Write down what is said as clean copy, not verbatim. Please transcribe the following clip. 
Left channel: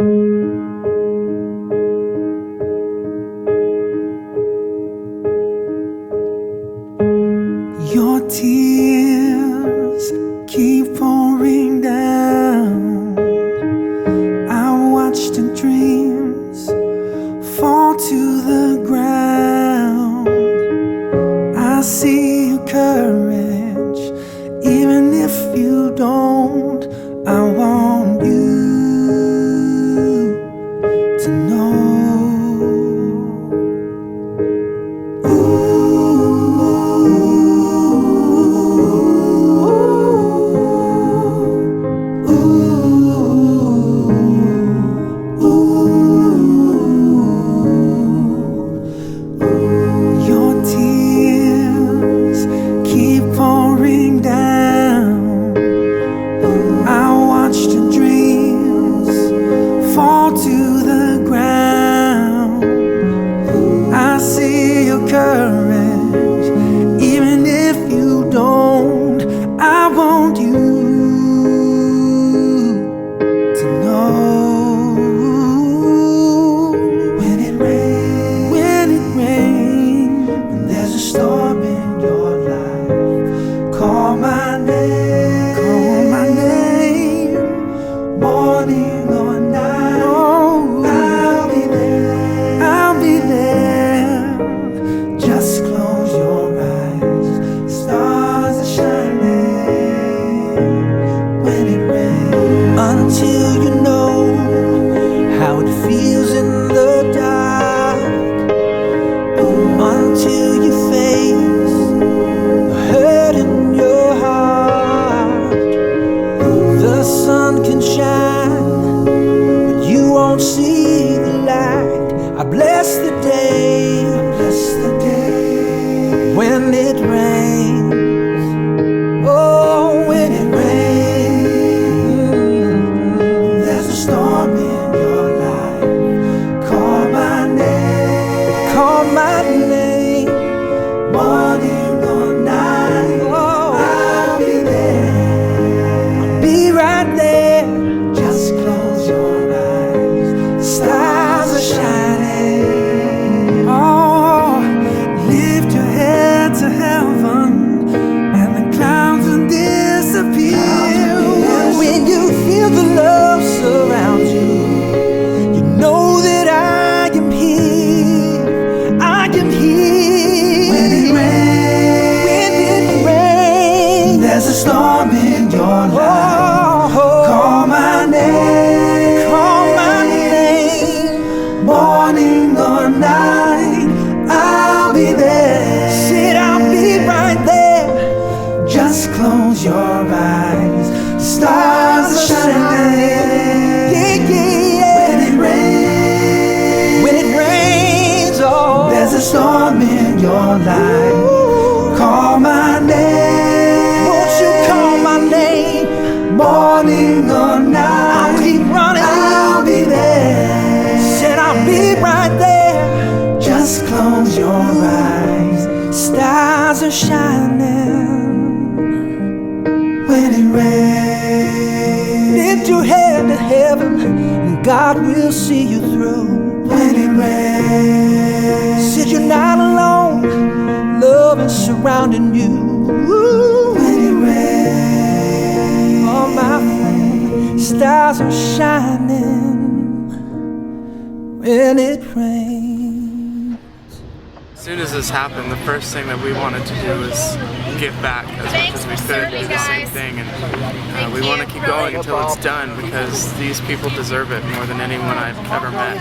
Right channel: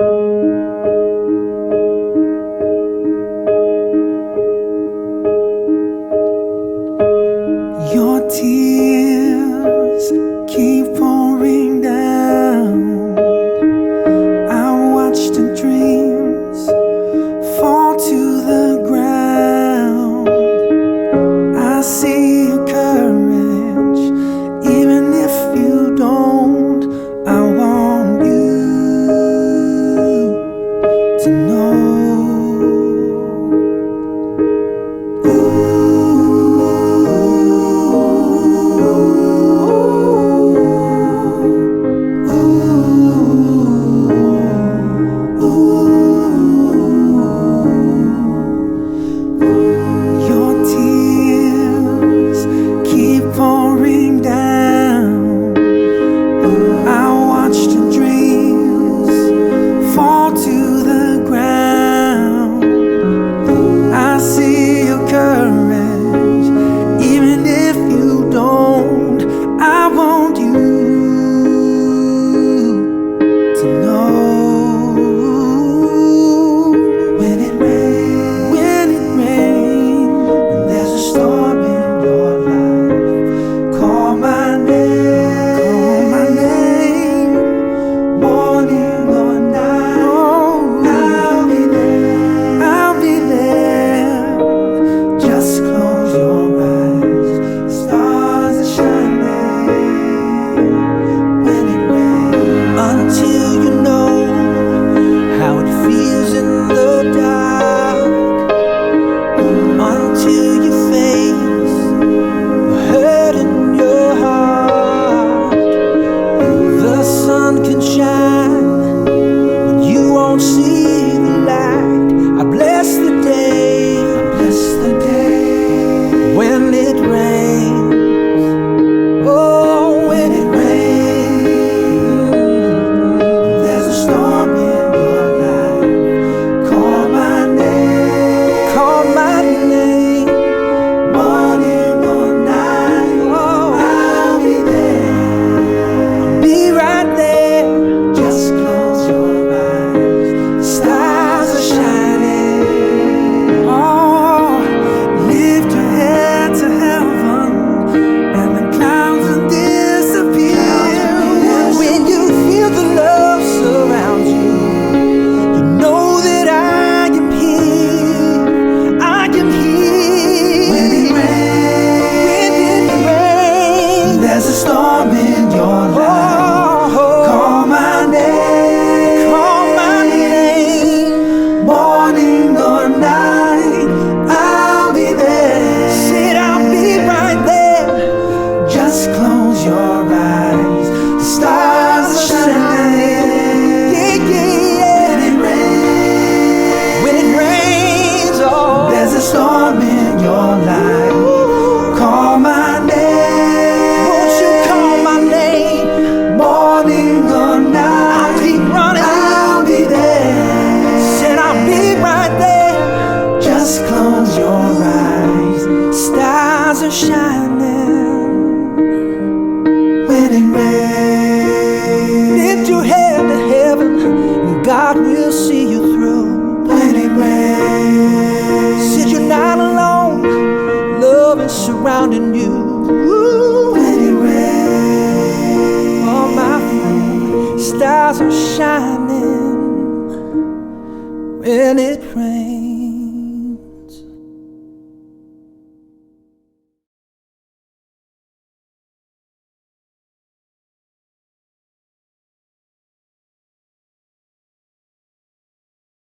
Your tears keep pouring down. I watch the dreams fall to the ground. I see your courage, even if you don't. I want you to know. Pouring down, I watch the dreams fall to the ground. I see your courage, even if you don't. I want you to know. When it rains, when there's a storm in your life, call my name, morning or night. Oh, I'll be there. Just close your eyes, the stars are shining. When it rains, until you know how it feels in the dark, until you face the hurt in your heart. The sun can shine, but you won't see the light. I bless the day, when it rains. Oh, when it rains, there's a storm in your life. Call my name, morning or night. Oh, I'll be there, be right there. Just close your eyes, the stars are shining. Oh, lift your head to heaven, and the clouds will disappear. When you feel the love surround you, you know that I am here. I am here. When it rains, there's a storm in your life. Call my name, morning or night. I'll be there. Said I'll be right there. Just close your eyes, the stars are shining. Yeah. When it rains, oh, there's a storm in your life. Call my name, won't you call my name, morning or night. I'll keep running, I'll be there. Said I'll be right there. Just close your eyes, stars are shining. When it rains, lift your head to heaven, and God will see you through. When it rains, said you're not alone, love is surrounding you. When it rains, oh my friend, stars are shining. When it rains. As soon as this happened, the first thing that we wanted to do was give back as much as we could, do the same thing, and we want to keep going until it's done, because these people deserve it more than anyone I've ever met.